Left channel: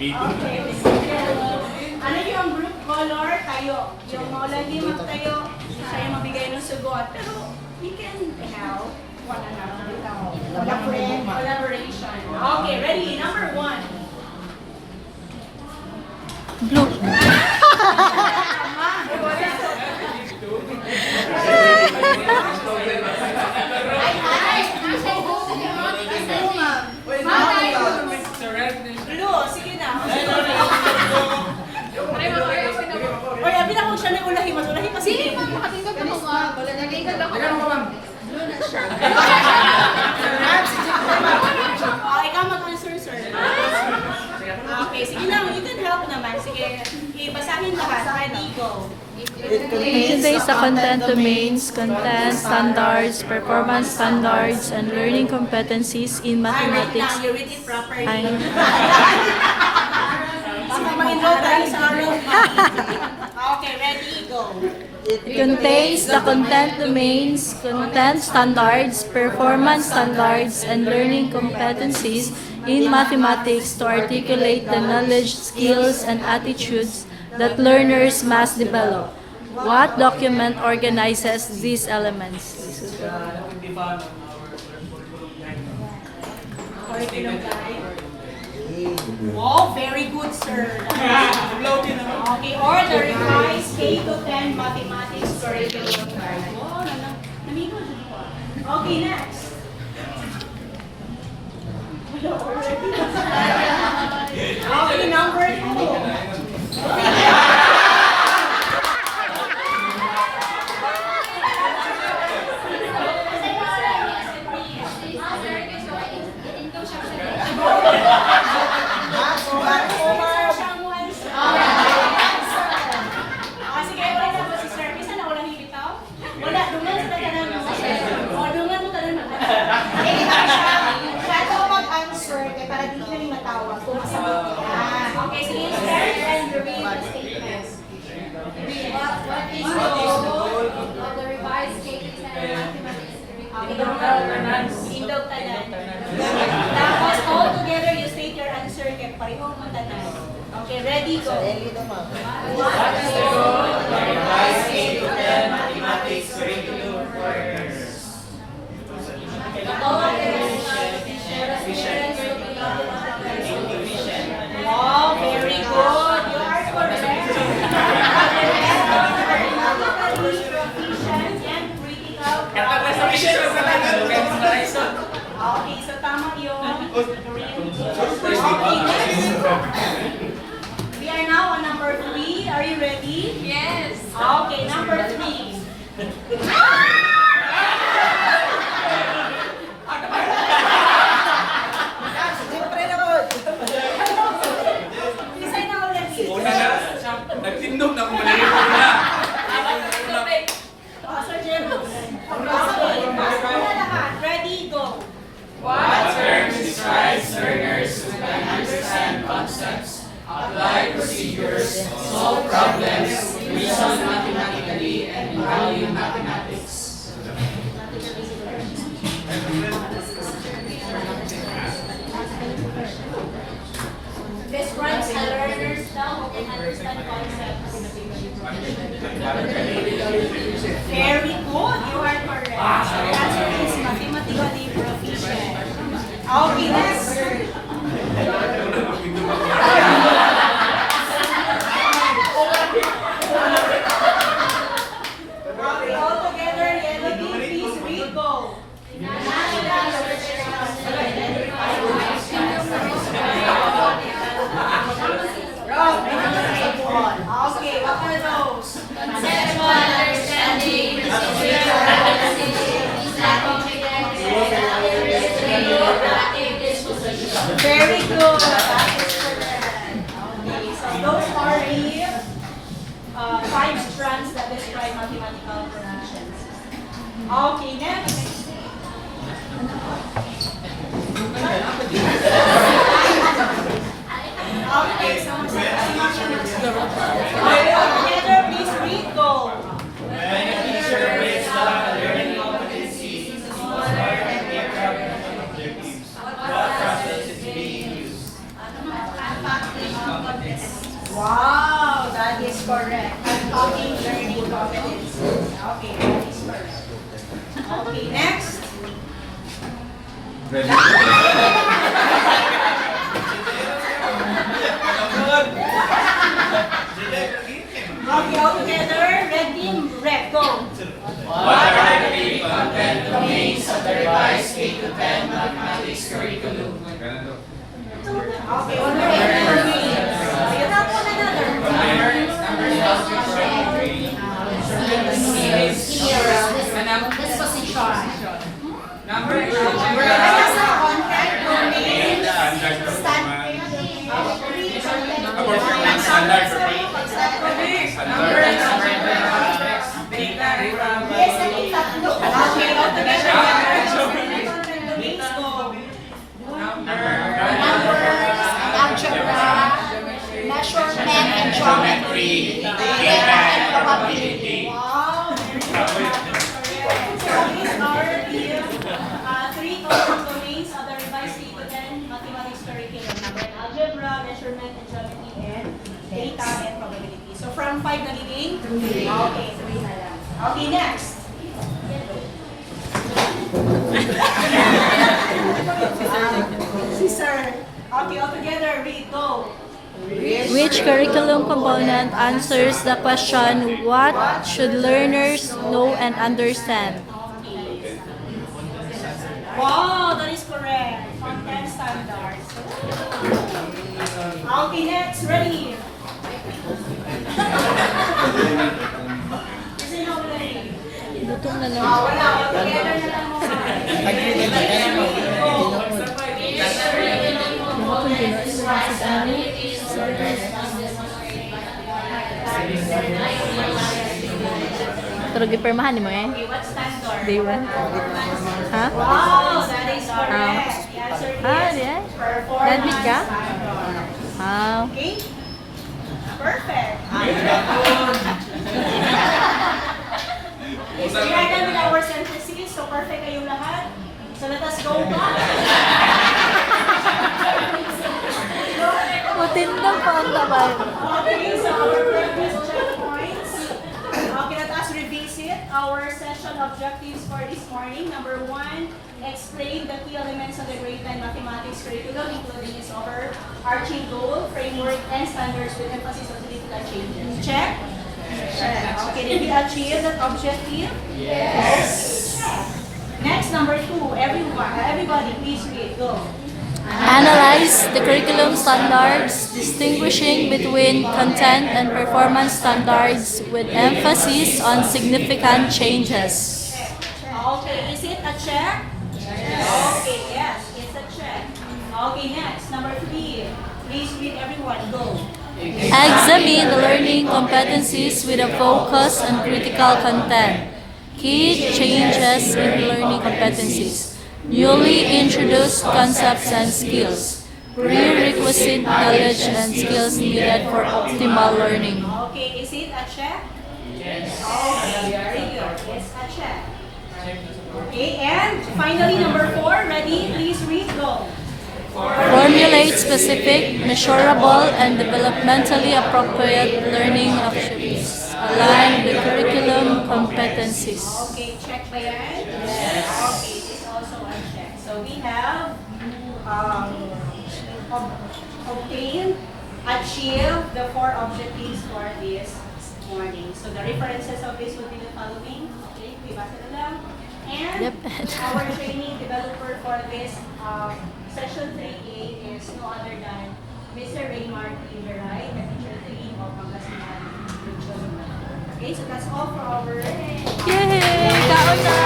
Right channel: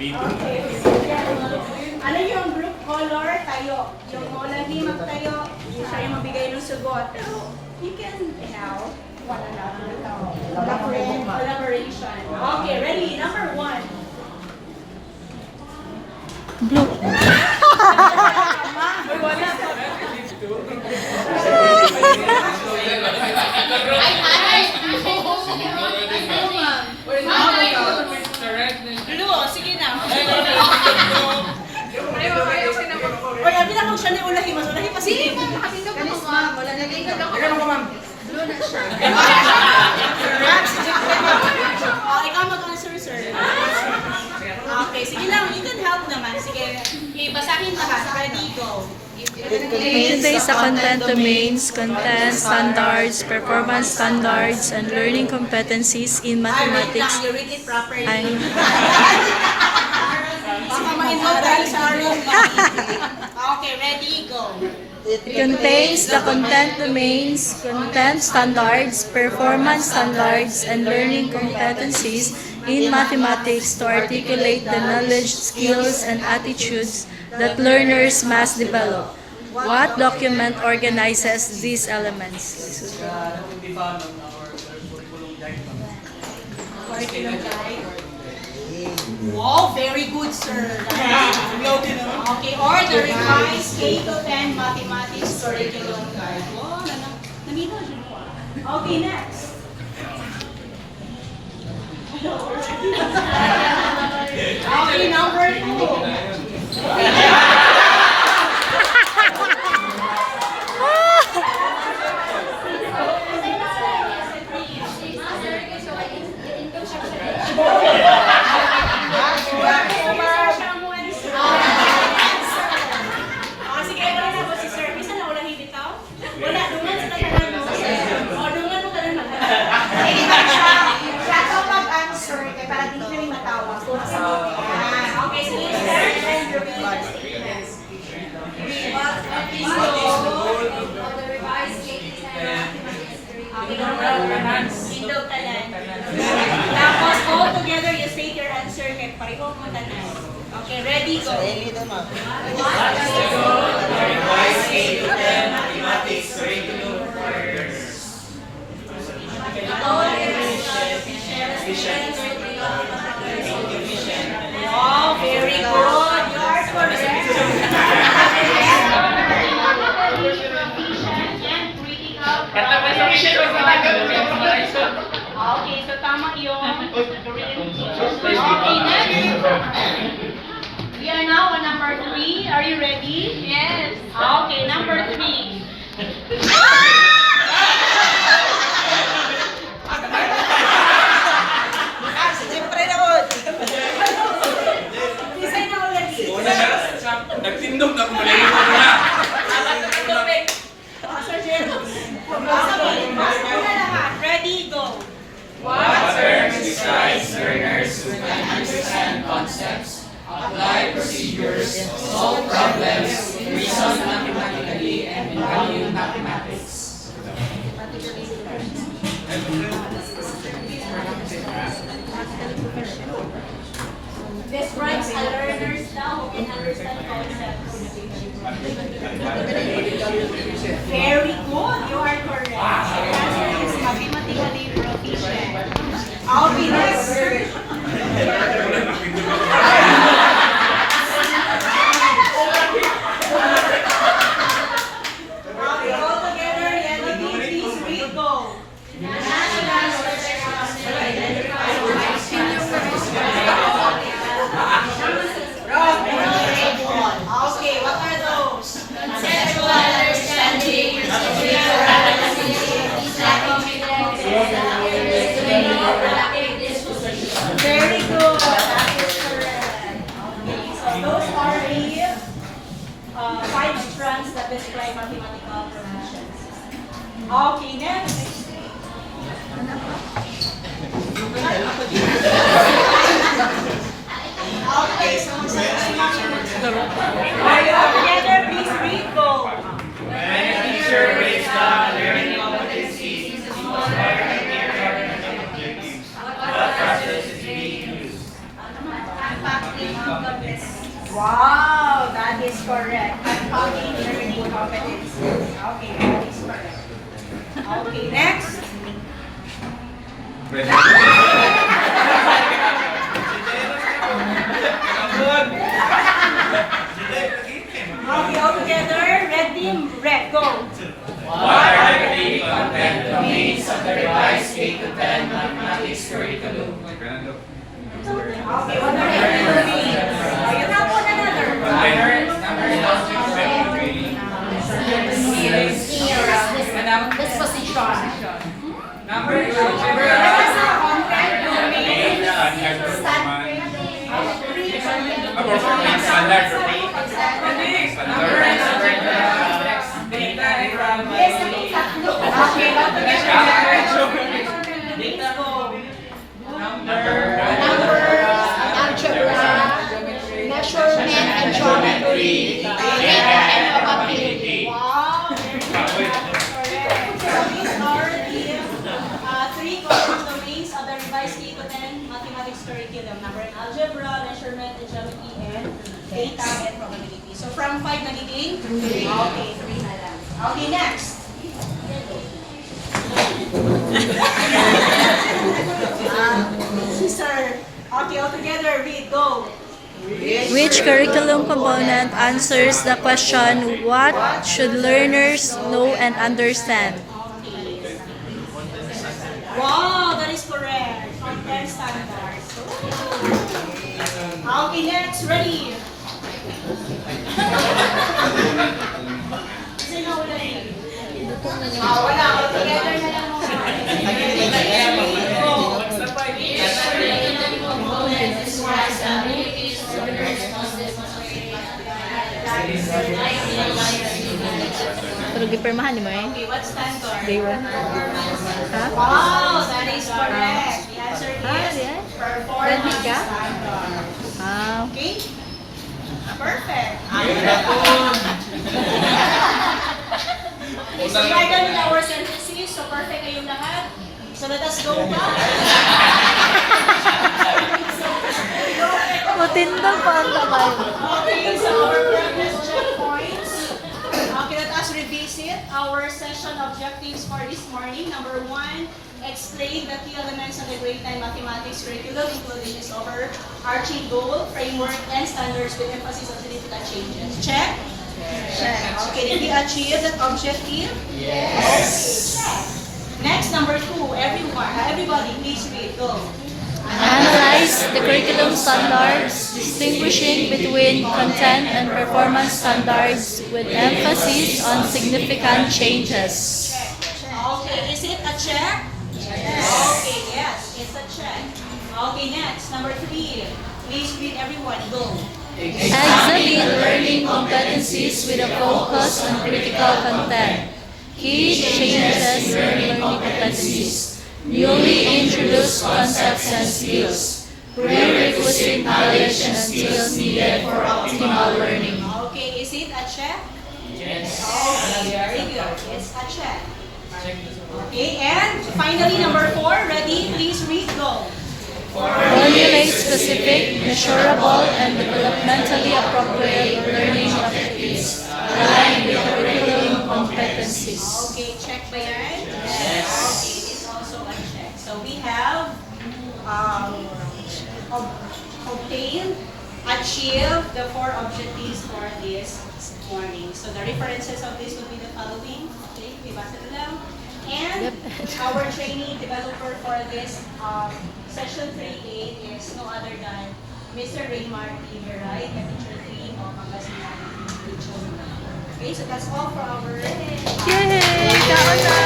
Okay, ano yung group color? Tayo. Yung maulagi magtayo, siya yung mabigay ng sugot. Pero you can help one another. Collaboration. Okay, ready? Number 1. Blue. Blue, sige na. Oy, abi na kung siya na ulahi mo. Ulahi pa sige. Ma'am, nakatindog ako, ma'am. Wala na tingog ako. Blue na siya. Ikaw mag-answer, sir. Okay, sige lang. You can help naman. Sige. Okay, basahin lahat. Ready, go. Today sa content domains, content standards, performance standards, and learning competencies in mathematics. You read it properly. Ay. Baka maingaw tayo sa room. Okay, ready, go. It contains the content domains, content standards, performance standards, and learning competencies in mathematics to articulate the knowledge, skills, and attitudes that learners must develop. What document organizes these elements? Curriculum guide. Wow, very good, sir. Okay, or the revised K-10 mathematics curriculum guide. Wow, nanino din ko. Okay, next. Okay, number 2. Tapos all together you state your answer kaya pareho mo tanan. Okay, ready? Go. Mathematics curriculum for learners. Oh, very good. You are correct. Proficient and critical progress. Okay, so tama yun. Okay, next. We are now on number 3. Are you ready? Yes. Okay, number 3. Design na ulit. Nagtindog na kung malilimutan niya. Ready, go. What terms describes learners who can understand concepts, apply procedures, solve problems, reason mathematically, and value mathematics. Describes a learner now who can understand concepts. Very good. You are correct. The answer is mathematically proficient. Okay, next. Okay, all together, yellow team, please read, go. Okay, what are those? Conceptual understanding, situational Very good. That is correct. Okay, so those are the 5 strands that describe mathematical proficiency. Okay, next. Okay, so together, please read, go. When a teacher breaks down learning competencies into smaller and clearer objectives, what process is being used? position. Number 2. Content domain. Standard. Okay, all together. Algebra, measurement and geometry, data and probability. Wow, very good. So these are the three content domains of the revised K-10 mathematics curriculum. Number one, algebra, measurement and geometry, and data and probability. So from 5 nagiging? 3. Okay, 3 na lang. Okay, next. Si Sir. Okay, all together, read, go. Which curriculum component answers the question, what should learners know and understand? Wow, that is correct. Content standards. Okay, next, ready. Kasi na wala eh. Wala, all together na lang mga. Go. Pero gipermahan mo eh. Okay, what standard? Day 1. Ha? Wow, that is correct. The answer is yeah. performance Nandit ka? standard. Ah. Okay? Perfect. Is divided with our synthesis, so perfect kayong lahat. So let us go back. Matindang pa ang tabay. Okay, so our progress checkpoints. Okay, let us revisit our session objectives for this morning. Number 1, explain the key elements of the grade 10 mathematics curriculum, including its overarching goal, framework, and standards with emphasis on significant changes. Check? Check. Okay, did you achieve that objective? Yes. Check. Next, number 2, everybody, please read. Go. Analyze the curriculum standards, distinguishing between content and performance standards with emphasis on significant changes. Okay, is it a check? Yes. Okay, yes, it's a check. Okay, next, number 3. Please read everyone. Go. Examine learning competencies with a focus on critical content. Key changes in learning competencies. Newly introduced concepts and skills. Prerequisite knowledge and skills needed for optimal learning. Okay, is it a check? Yes. Okay, very good. It's a check. Okay, and finally, number 4. Ready? Please read. Go. Formulate specific, measurable, and developmentally appropriate learning activities aligned with curriculum competencies. Okay, check ba yan? Yes. Okay, it's also a check. So we have obtained, achieved the 4 objectives for this morning. So the references of this would be the following. Okay, basa na lang. And our training developer for this session 3A is no other than Mr. Raymar Iberay, the teacher 3 of Pangasinan Region. Okay, so that's all for our Yay! Kaon na!